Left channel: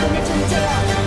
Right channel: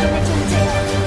Bring it to the tail.